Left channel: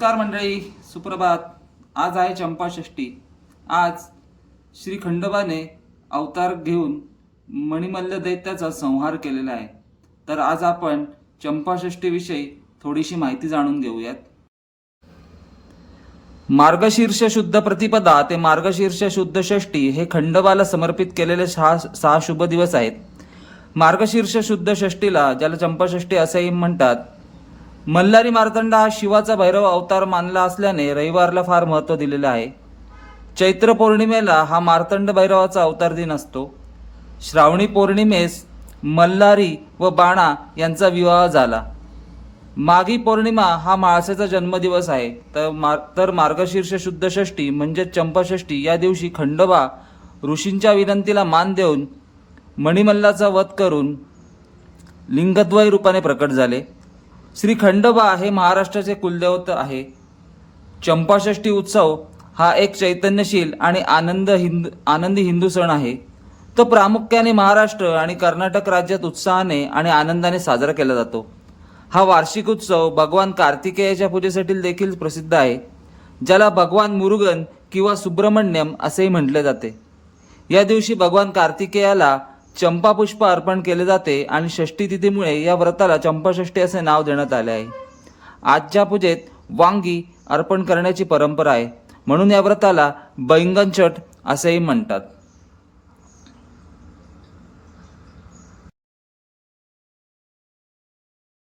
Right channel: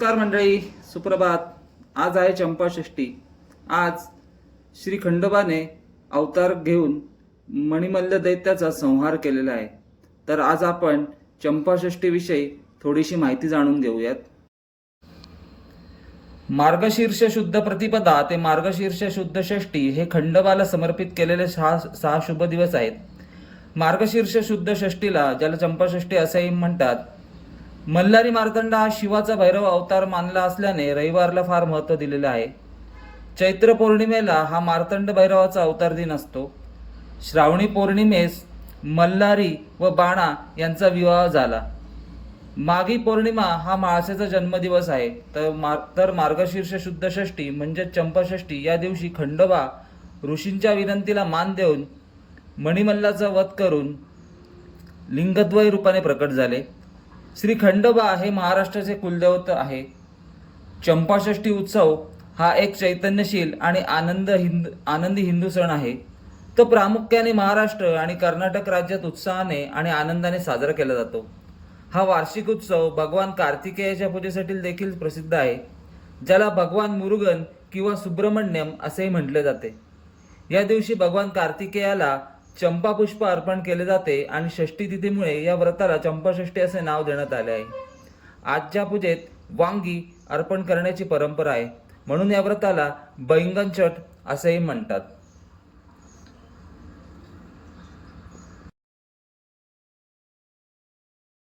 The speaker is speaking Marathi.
नमस्कार मंडळी, सुप्रभात. आज आहे चंपाषष्ठी. आज श्री खंडोबाने अवतार घेऊन मणिमल्ल दैत्याचा संहार केलेला आहे. तर आज आपण चंपाषष्ठी विषयी थोडीशी माहिती जाणून घेऊयात. मार्गशीर्ष शुद्ध प्रतिपदा ते मार्गशीर्ष शुद्ध षष्ठी हे खंडोबाला समर्पित केलेले सहा शुभ दिवस आहेत. मार्गशीर्ष शुद्ध षष्ठीला, ज्याला चंपाषष्ठी असेही म्हणतात, मल्हारी मार्तंड हा शिवाचा भैरव अवतार मानला असल्याने रविवारला फार महत्त्व दिलेलं आहे. चैत्र पौर्णिमेला हा मार्तंड भैरवाचा अवतार दिन असतो. श्रावणी पौर्णिमेस मल्हारी व बाणा यांचा विवाह झाला. माघी पौर्णिमा हा माळसेचा जन्मदिवस आहे. तर मार्गशीर्ष शुद्ध षष्ठी म्हणजे चंपाषष्ठी या दिवशी खंडोबा ऋषींच्या विनंतीला मान देऊन मणिमल्लाचा वध करून लिंगद्वय रूपाने प्रकट झाले. श्री खंडोबा हे महाराष्ट्राचे कुलदैवत आहे. चंपाषष्ठी उत्सव हा एक चैतन्यशील आणि आनंदी हिंदू सण आहे. तो प्रामुख्याने महाराष्ट्र आणि कर्नाटक राज्यात उत्साहाने आणि आनंदाने साजरा केला जातो. हा वार्षिक उत्सव भगवान कार्तिकेयाच्या पूजेसाठी देखील प्रसिद्ध आहे, ज्याला भगवान मुरुगन किंवा सुब्रमण्यम असेही म्हटले जाते. या दिवशी भगवान कार्तिकेयाला चंपा पुष्प अर्पण केले जाते आणि षष्ठी तिथीमुळे या व्रताला चंपाषष्ठी असे नाव देण्यात आले आहे. आजच्या पूजेत वांगी अर्पण करण्याची परंपरा आहे, म्हणून या व्रताला बैंगन छठ असेही म्हणतात.